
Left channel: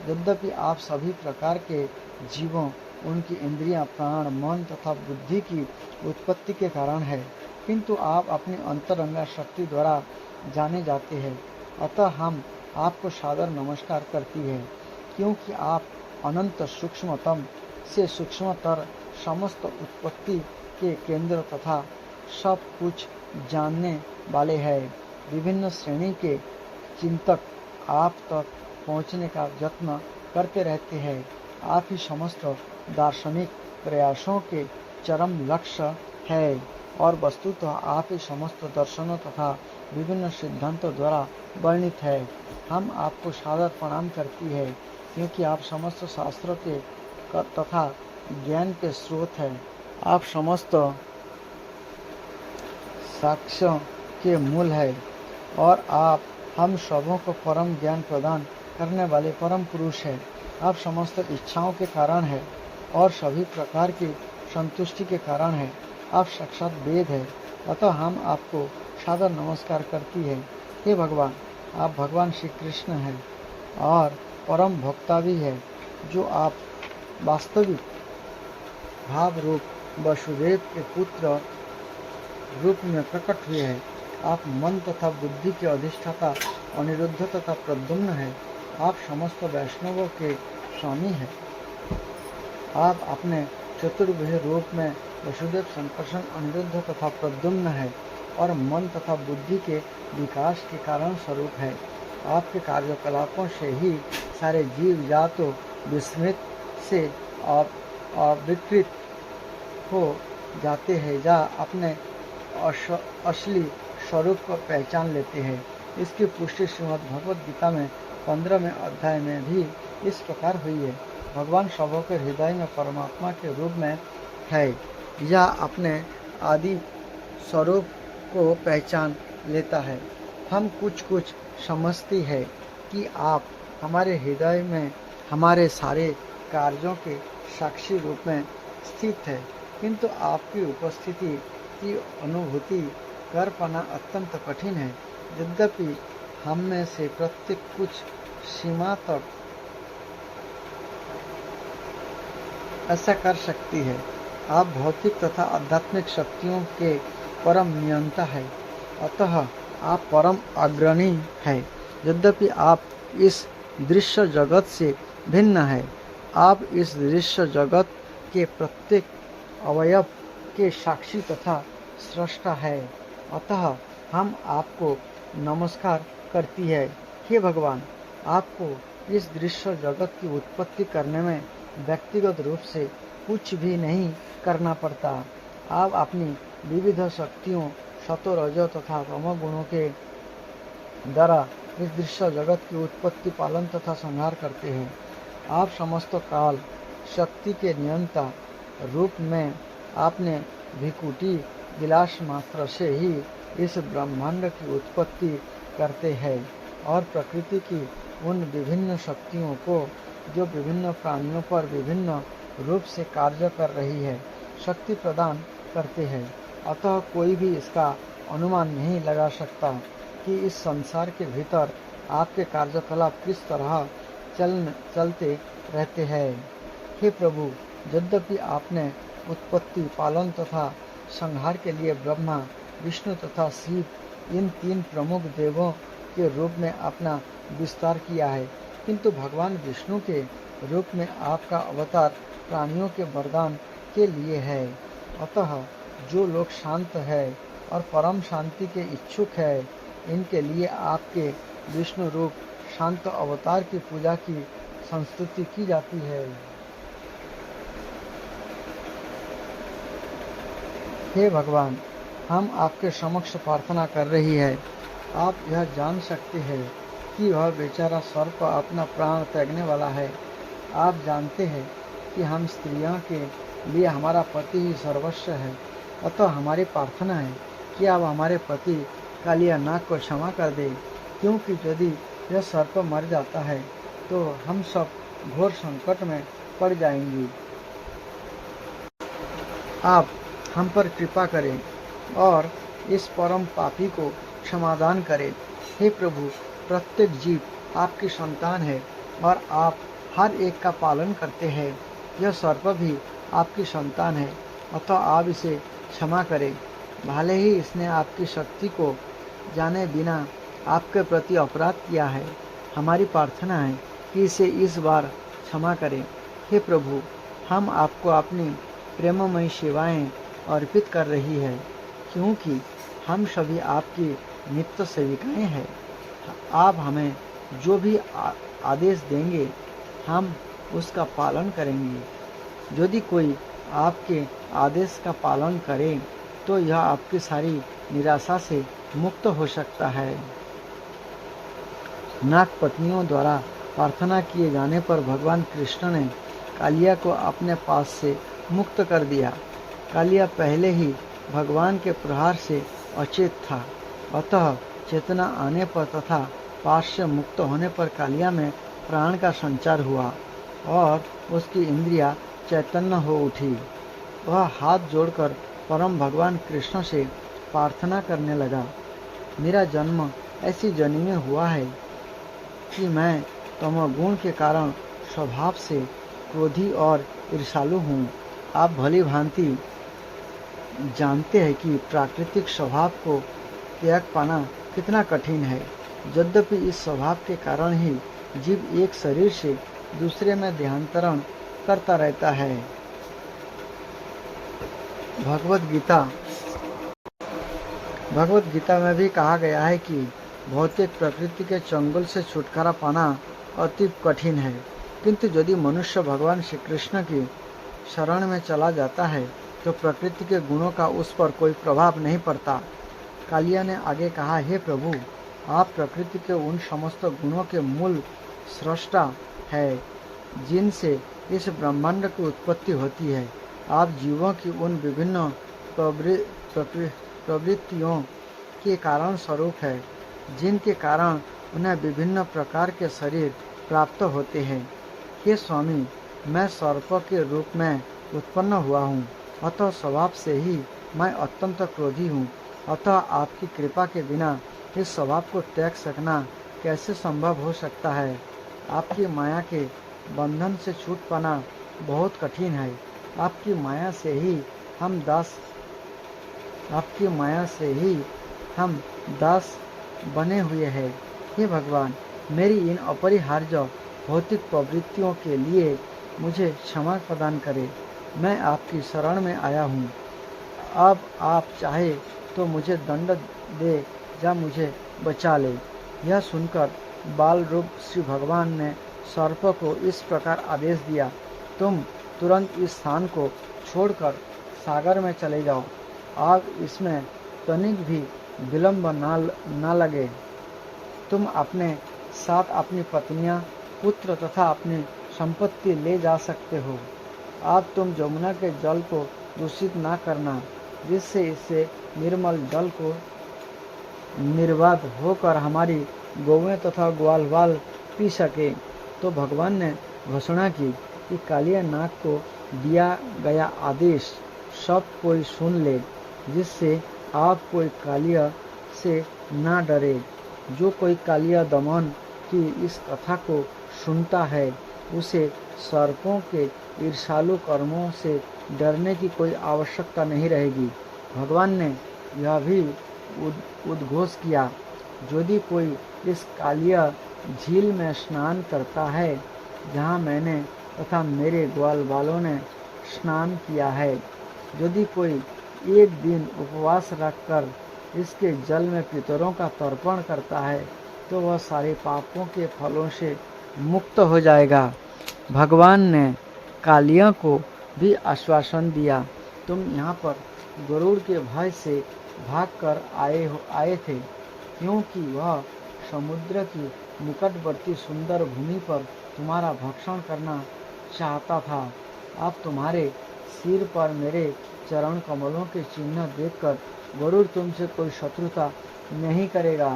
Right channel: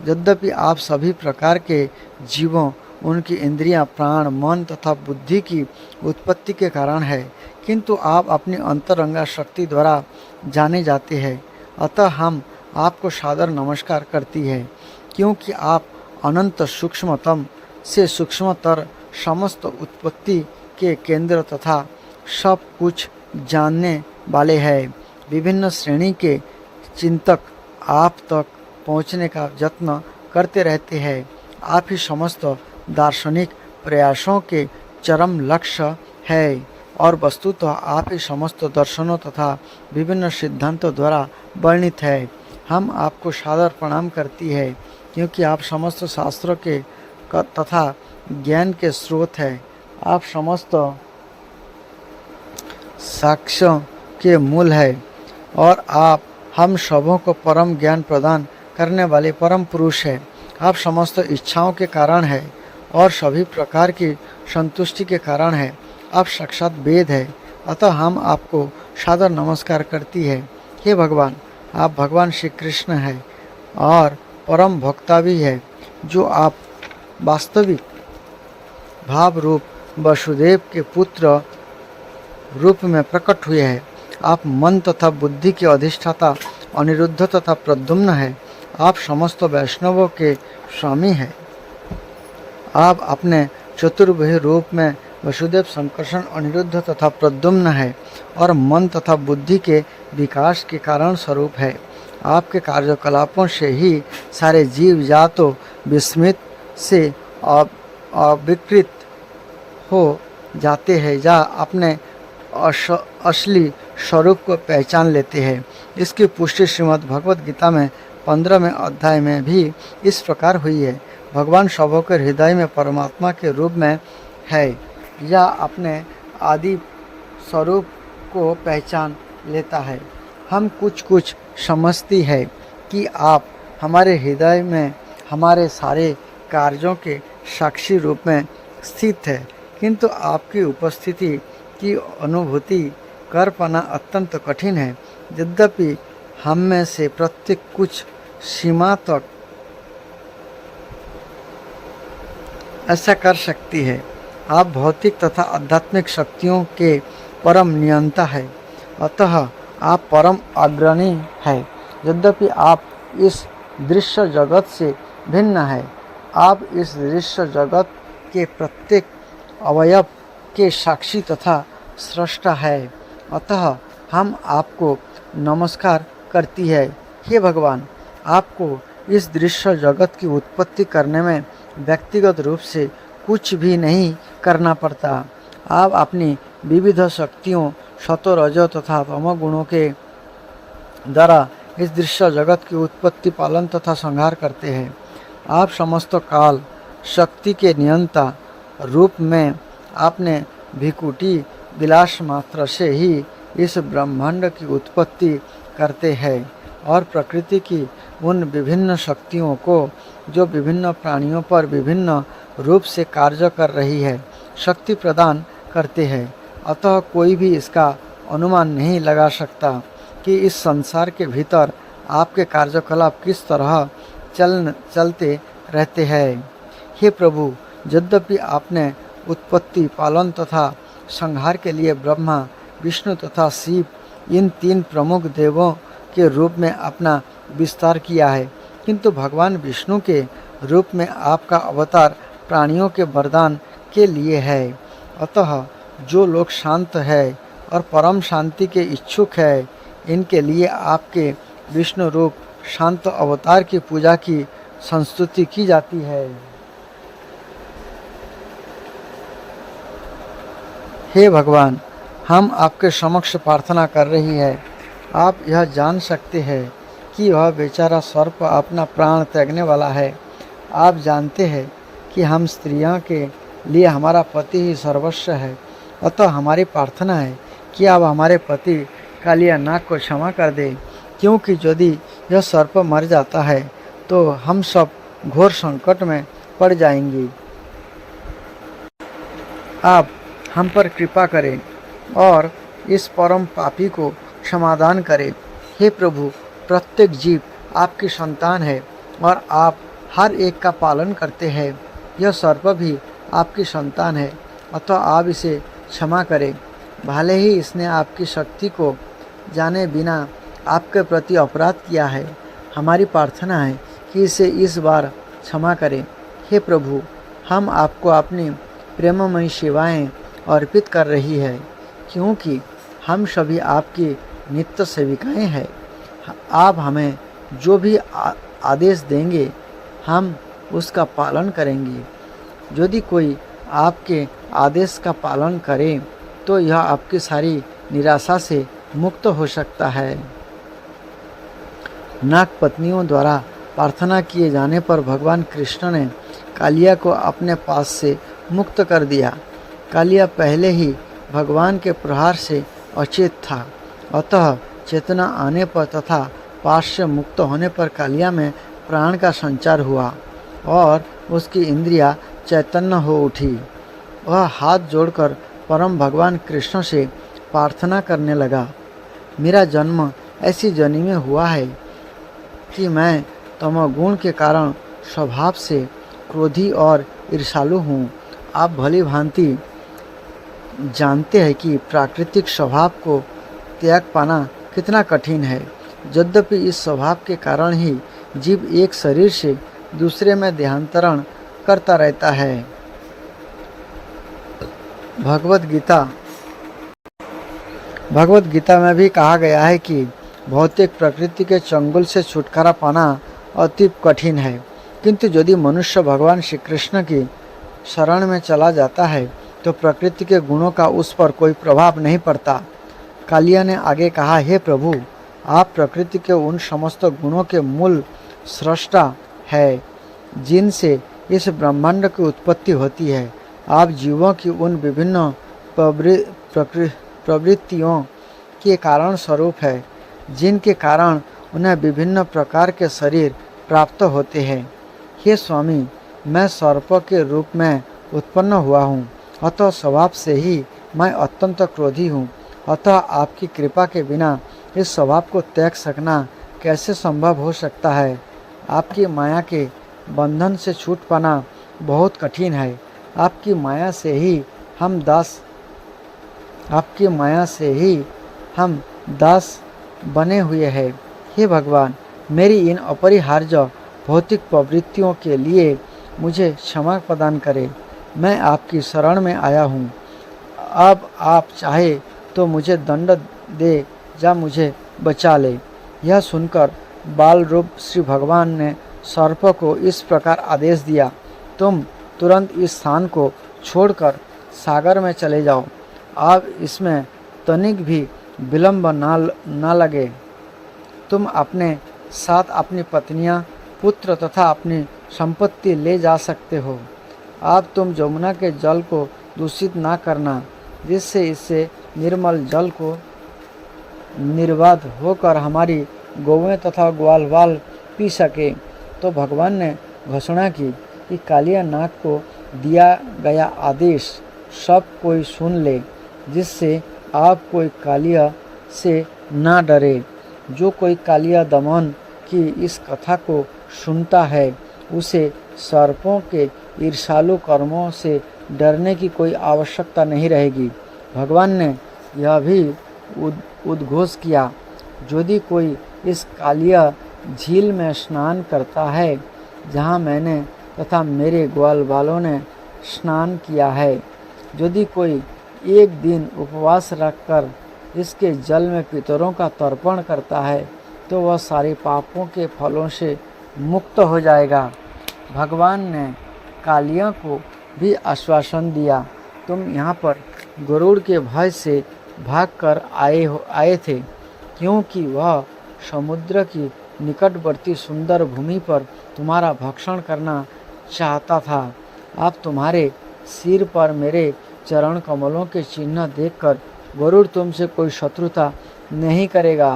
यद्यपि आप सभी प्रकार के जीवों, उनकी इंद्रियां, प्राण, मन तथा बुद्धि की उत्पत्ति के कारण है, किंतु आप अपनी अंतरंगा शक्ति द्वारा जाने जाते हैं। अतः हम आपको सादर नमस्कार करती है, क्योंकि आप अनंत सूक्ष्मतम से सूक्ष्मतर समस्त उत्पत्ति के केंद्र तथा सब कुछ जानने वाले हैं। विभिन्न श्रेणी के चिंतक आप तक पहुँचने का यत्न करते रहते हैं। आप ही समस्त दार्शनिक प्रयासों के चरम लक्ष्य है और वस्तुतः आप ही समस्त दर्शनों तथा विभिन्न सिद्धांतों द्वारा वर्णित है। हम आपको सादर प्रणाम करती है, क्योंकि आप समस्त शास्त्रों के तथा ज्ञान के स्रोत है। आप समस्त साक्ष्यों के मूल है और आप हम सबों को परम ज्ञान प्रदान करने वाले परम पुरुष है। आप समस्त इच्छाओं के कारण है और सभी प्रकार की संतुष्टि के कारण है। आप साक्षात वेद है, अतः हम आपको सादर नमस्कार करती है। हे भगवान, आप भगवान श्री कृष्ण है और परम भक्ता भी है, जो आप वास्तविक भाव रूप वसुदेव के पुत्र रूप में प्रकट हुए हैं। आप मन तथा बुद्धि के अधिष्ठाता, अनिरुद्ध तथा प्रद्युम्न है। आप समस्त वैष्णवों के स्वामी हैं। आप अपने चतुर्भुज रूप में वसुदेव, संकर्षण, अनिरुद्ध तथा प्रद्युम्न है और मन तथा बुद्धि के विकास के कारण स्वरूप है। आपके कार्यकलापों से ही सारे जीव या तो विस्मित से अविकृत हो जाते हैं या अपने असली स्वरूप को पहचान लेते हैं। इसकी पुष्टि श्रीमद् भगवद गीता में 15वें अध्याय में भी इस प्रकार हुई है। भगवान सबों के हृदय में परमात्मा के रूप में है या अपने आदि स्वरूप को पहचान लेता है। हम कुछ समझती है कि आप हमारे हृदय में हमारे सारे कार्यों के साक्षी रूप में स्थित है, किंतु आपकी उपस्थिति की अनुभूति कर पाना अत्यंत कठिन है। यद्यपि हम में से प्रत्येक कुछ सीमा तक ऐसा कर सकती है। आप भौतिक तथा आध्यात्मिक शक्तियों के परम नियंता है, अतः आप परम अग्रणी है। यद्यपि आप इस दृश्य जगत से भिन्न है, आप इस दृश्य जगत के प्रत्येक अवयव के साक्षी तथा स्रष्टा है, अतः हम आपको नमस्कार करती है। हे भगवान, आपको इस दृश्य जगत की उत्पत्ति करने में व्यक्तिगत रूप से कुछ भी नहीं करना पड़ता। आप अपनी विविध शक्तियों सतो, रजो तथा तमो गुणों के द्वारा इस दृश्य जगत की उत्पत्ति, पालन तथा संहार करते हैं। आप समस्त काल शक्ति के नियंता रूप में आपने भिकुटी विलास मात्र से ही इस ब्रह्मांड की उत्पत्ति करते हैं और प्रकृति की उन विभिन्न शक्तियों को जो विभिन्न प्राणियों पर विभिन्न रूप से कार्य कर रही है शक्ति प्रदान करते हैं। अतः कोई भी इसका अनुमान नहीं लगा सकता कि इस संसार के भीतर आपके कार्यकलाप किस तरह चलते रहते हैं। हे प्रभु, यद्यपि आपने उत्पत्ति, पालन तथा संहार के लिए ब्रह्मा, विष्णु तथा शिव इन 3 प्रमुख देवों के रूप में अपना विस्तार किया है, किंतु भगवान विष्णु के रूप में आपका अवतार प्राणियों के वरदान के लिए है। अतः जो लोग शांत है और परम शांति के इच्छुक है, इनके लिए आपके विष्णु रूप शांत अवतार की पूजा की संस्तुति की जाती है। हे भगवान, हम आपके समक्ष प्रार्थना कर रही है। आप यह जान सकते हैं कि वह बेचारा सर्प अपना प्राण त्यागने वाला है। आप जानते हैं कि हम स्त्रियों के लिए हमारा पति ही सर्वस्व है, अतः हमारी प्रार्थना है कि आप हमारे पति कालिया नाग को क्षमा कर दें, क्योंकि यदि यह सर्प मर जाता है तो हम सब घोर संकट में पड़ जाएंगी। आप हम पर कृपा करें और इस परम पापी को समाधान करें। हे प्रभु, प्रत्येक जीव आपकी संतान है और आप हर एक का पालन करते हैं। यह सर्प भी आपकी संतान है, अतः आप इसे क्षमा करें। भले ही इसने आपकी शक्ति को जाने बिना आपके प्रति अपराध किया है, हमारी प्रार्थना है कि इसे इस बार क्षमा करें। हे प्रभु, हम आपको अपनी प्रेममयी सेवाएं अर्पित कर रही है, क्योंकि हम सभी आपकी नित्य सेविकाएं हैं। आप हमें जो भी आदेश देंगे हम उसका पालन करेंगे। यदि कोई आपके आदेश का पालन करे तो यह आपकी सारी निराशा से मुक्त हो सकता है। नाग पत्नियों द्वारा प्रार्थना किए जाने पर भगवान कृष्ण ने कालिया को अपने पास से मुक्त कर दिया। कालिया पहले ही भगवान के प्रहार से अचेत था, अतः चेतना आने पर तथा पास से मुक्त होने पर कालिया में प्राण का संचार हुआ और उसकी इंद्रियां चैतन्य हो उठी। वह हाथ जोड़कर परम भगवान कृष्ण से प्रार्थना करने लगा। मेरा जन्म ऐसी जनी में हुआ है कि मैं तमोगुण के कारण स्वभाव से क्रोधी और ईर्ष्यालु हूँ। आप भली भांति जानते हैं कि प्राकृतिक स्वभाव को त्याग पाना कितना कठिन है। यद्यपि इस स्वभाव के कारण ही जीव एक शरीर से दूसरे में देहांतरण करता रहता है। भगवत गीता में भी कहा गया है कि भौतिक प्रकृति के चंगुल से छुटकारा पाना अति कठिन है, किंतु यदि मनुष्य भगवान श्री कृष्ण की शरण में चला जाता है तो प्रकृति के गुणों का उस पर कोई प्रभाव नहीं पड़ता। कालिया ने आगे कहा, हे प्रभु, आप प्रकृति के उन समस्त गुणों के मूल स्रष्टा है जिनसे इस ब्रह्मांड की उत्पत्ति होती है। आप जीवों की उन विभिन्न प्रवृत्तियों के कारण स्वरूप है जिनके कारण उन्हें विभिन्न प्रकार के शरीर प्राप्त होते हैं। हे स्वामी, मैं सर्प के रूप में उत्पन्न हुआ हूँ, अतः स्वभाव से ही मैं अत्यंत क्रोधी हूँ। अतः आपकी कृपा के बिना इस स्वभाव को त्याग सकना कैसे संभव हो सकता है। आपकी माया के बंधन से छूट पाना बहुत कठिन है। आपकी माया से ही हम दास बने हुए हैं। हे भगवान, मेरी इन अपरिहार्य भौतिक प्रवृत्तियों के लिए मुझे क्षमा प्रदान करें। मैं आपकी शरण में आया हूँ। अब आप चाहे तो मुझे दंड दे या मुझे बचा ले। यह सुनकर बाल रूप श्री भगवान ने सर्प को इस प्रकार आदेश दिया, तुम तुरंत इस स्थान को छोड़कर सागर में चले जाओ। अब इसमें तनिक भी विलंब ना लगे। तुम अपने साथ अपनी पत्नियां, पुत्र तथा अपनी संपत्ति ले जा सकते हो। अब तुम यमुना के जल को दूषित ना करना, जिससे इससे निर्मल जल को निर्बाध होकर हमारी गौएं तथा ग्वालवाल पी सके। तो भगवान ने घोषणा की कि कालिया नाग को दिया गया आदेश सब कोई सुन ले, जिससे आप कोई कालिया से ना डरे। जो कोई कालिया दमन की इस कथा को सुनता है, उसे सर्पों के ईर्ष्यालु कर्मों से डरने की कोई आवश्यकता नहीं रहेगी। भगवान ने यह भी उद्घोष किया, यदि कोई इस कालिया झील में स्नान करता है जहाँ मैंने तथा मेरे ग्वाल बालों ने स्नान किया है, यदि कोई एक दिन उपवास रखकर इसके जल में पितरों का तर्पण करता है, तो वह सारे पापों के फलों से मुक्त हो जाएगा। भगवान ने कालिया को भी आश्वासन दिया, तुम यहाँ पर गरुड़ के भय से भागकर आए थे, क्योंकि वह समुद्र की निकटवर्ती सुंदर भूमि पर तुम्हारा भक्षण करना चाहता था। अब तुम्हारे सिर पर मेरे चरण कमलों के चिन्ह देखकर गरुड़ तुमसे कोई शत्रुता नहीं करेगा।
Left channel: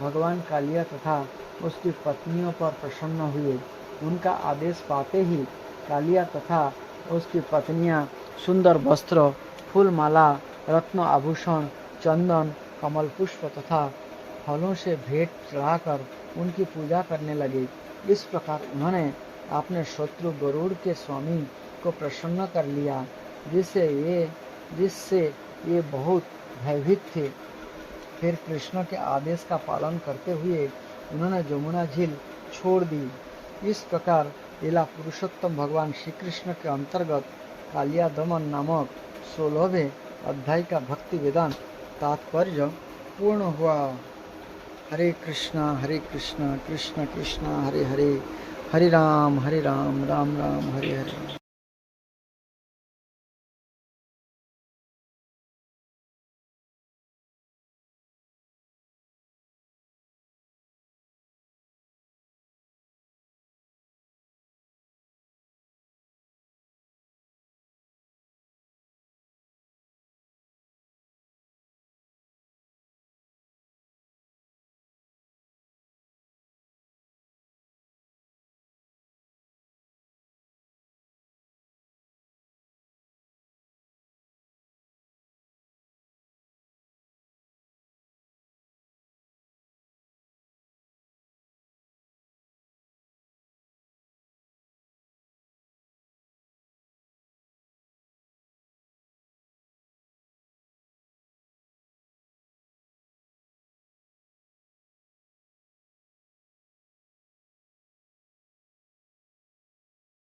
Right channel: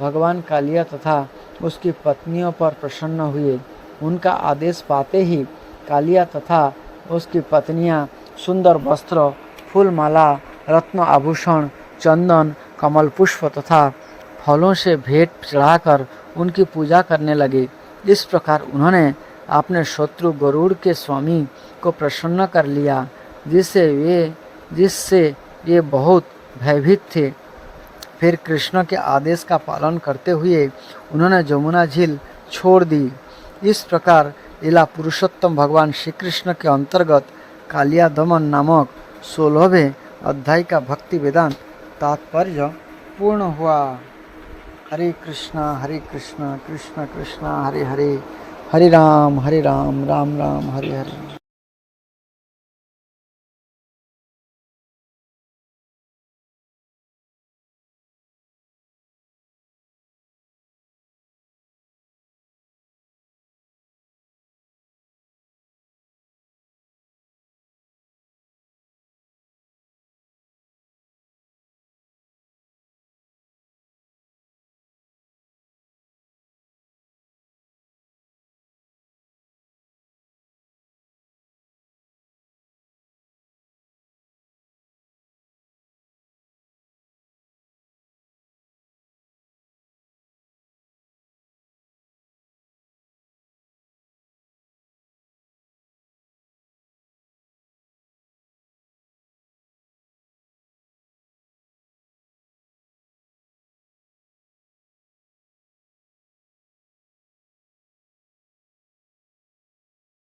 भगवान कालिया तथा उसकी पत्नियों पर प्रसन्न हुए। उनका आदेश पाते ही कालिया तथा उसकी पत्नियां सुंदर वस्त्र, फूलमाला, रत्न आभूषण, चंदन, कमल पुष्प तथा फलों से भेंट चढ़ाकर उनकी पूजा करने लगे। इस प्रकार उन्होंने अपने शत्रु गरुड़ के स्वामी को प्रसन्न कर लिया, जिससे ये बहुत भयभीत थे। फिर कृष्ण के आदेश का पालन करते हुए उन्होंने यमुना झील छोड़ दी। इस प्रकार लीला पुरुषोत्तम भगवान श्री कृष्ण के अंतर्गत कालिया दमन नामक 16वें अध्याय का भक्ति वेदांत तात्पर्य पूर्ण हुआ। हरे कृष्णा कृष्ण कृष्ण हरे हरे, हरे राम राम राम हरे हरे।